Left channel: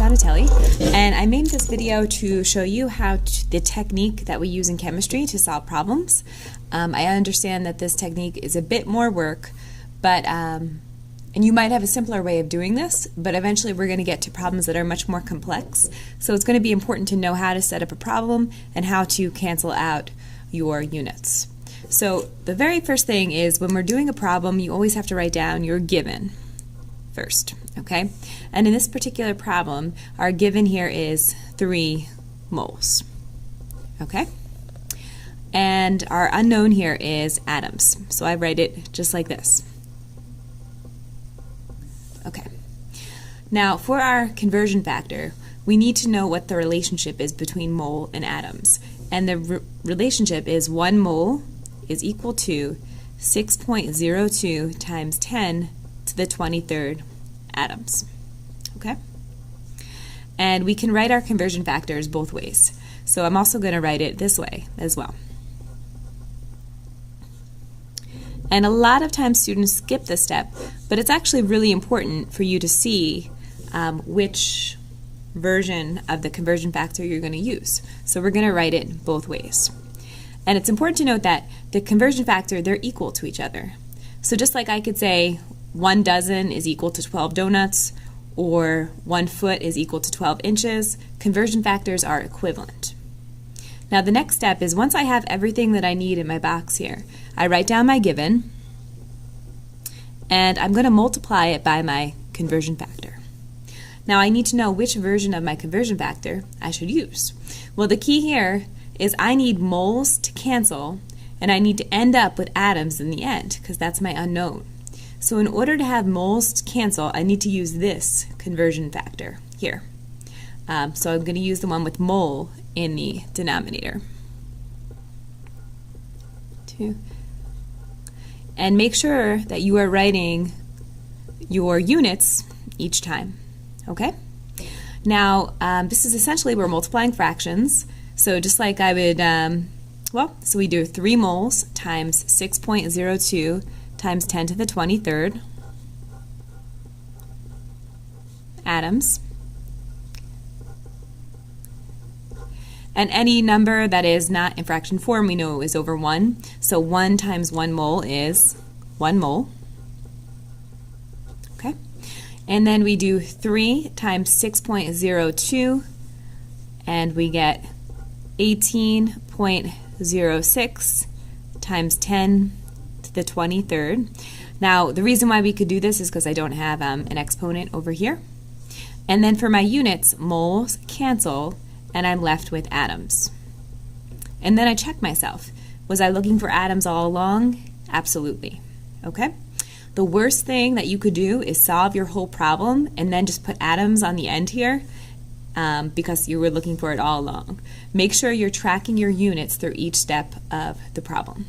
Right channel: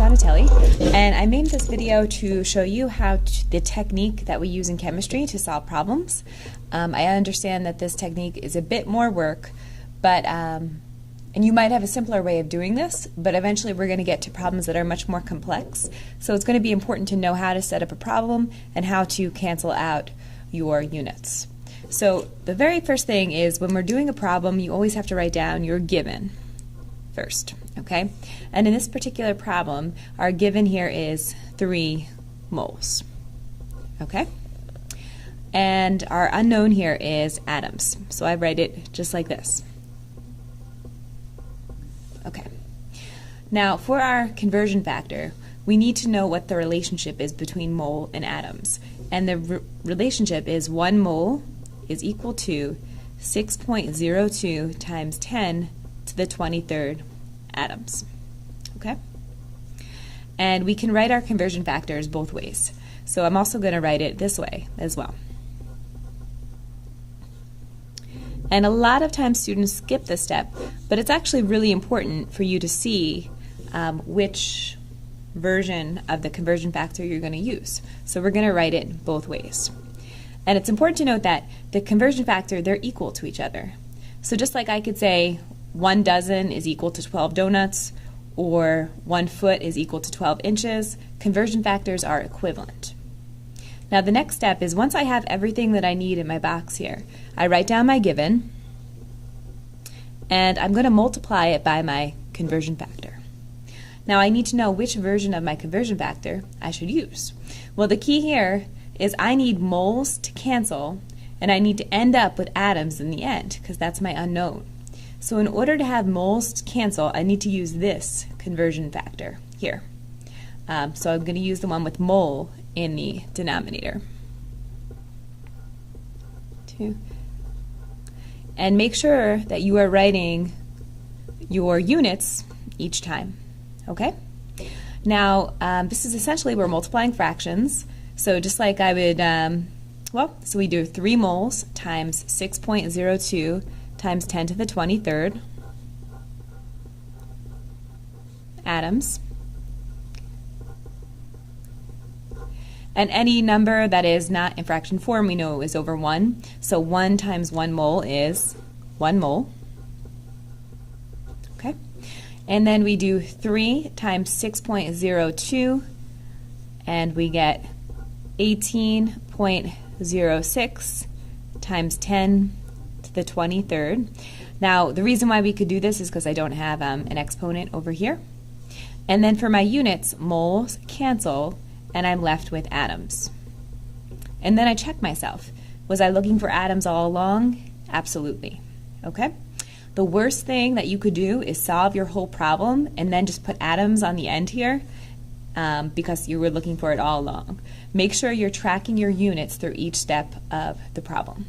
Donatelli, and I made this video to show you the technique that we use in chemistry to solve problems. I understand that this technique is a bit more work, but and you might have a simpler way of doing this, but eventually we're going to get to problems that are much more complex. So it's going to be important to know how to set up a problem and how to cancel out your units. So the very first thing is when we're doing a problem, you always have to write down your given first, okay? And in this particular problem, our given here is 3 moles, okay? And our unknown here is atoms. So I write it just like this. Okay. Now for our conversion factor, we need to know what the relationship is between mole and atoms. And the relationship is 1 mole is equal to 6.02 times 10 to the 23rd atoms. Okay? And we can write our conversion factors both ways. So I'm also going to write it this way as well. And a lot of times students skip this step, but it's actually really important for you to see which version of the conversion factor you're going to use. So we're going to write it both ways. And it's important to note that the conversion factor, they're equal to each other. So just like I could say 1 dozen is equal to 12 donuts, or 1 foot is equal to 12 inches, conversion factors are equivalent. Now the next step is once I have everything that I need in my box here, I write down my given, and I'm going to multiply it by my conversion factor. Now I need to know which version of my conversion factor I should use. Well, the key here is I need moles to cancel, and I need to end up with atoms in the end, because that's my unknown. So in order to have moles to cancel, I need to use this conversion factor here. So I'm going to use the one with mole in the denominator. 2. And make sure that you are writing your units each time. Okay? Now, this is essentially we're multiplying fractions. So just like I would, so we do 3 moles times 6.02 times 10 to the 23rd atoms. And any number that is not in fraction form, we know is over 1. So 1 times 1 mole is 1 mole. Okay? And then we do 3 times 6.02, and we get 18.06 times 10 to the 23rd. Now, the reason why we could do this is because I don't have an exponent over here. And then for my units, moles cancel, and I'm left with atoms. And then I check myself. Was I looking for atoms all along? Absolutely. Okay? The worst thing that you could do is solve your whole problem and then just put atoms on the end here because you were looking for it all along. Make sure you're tracking your units through each step of the problem.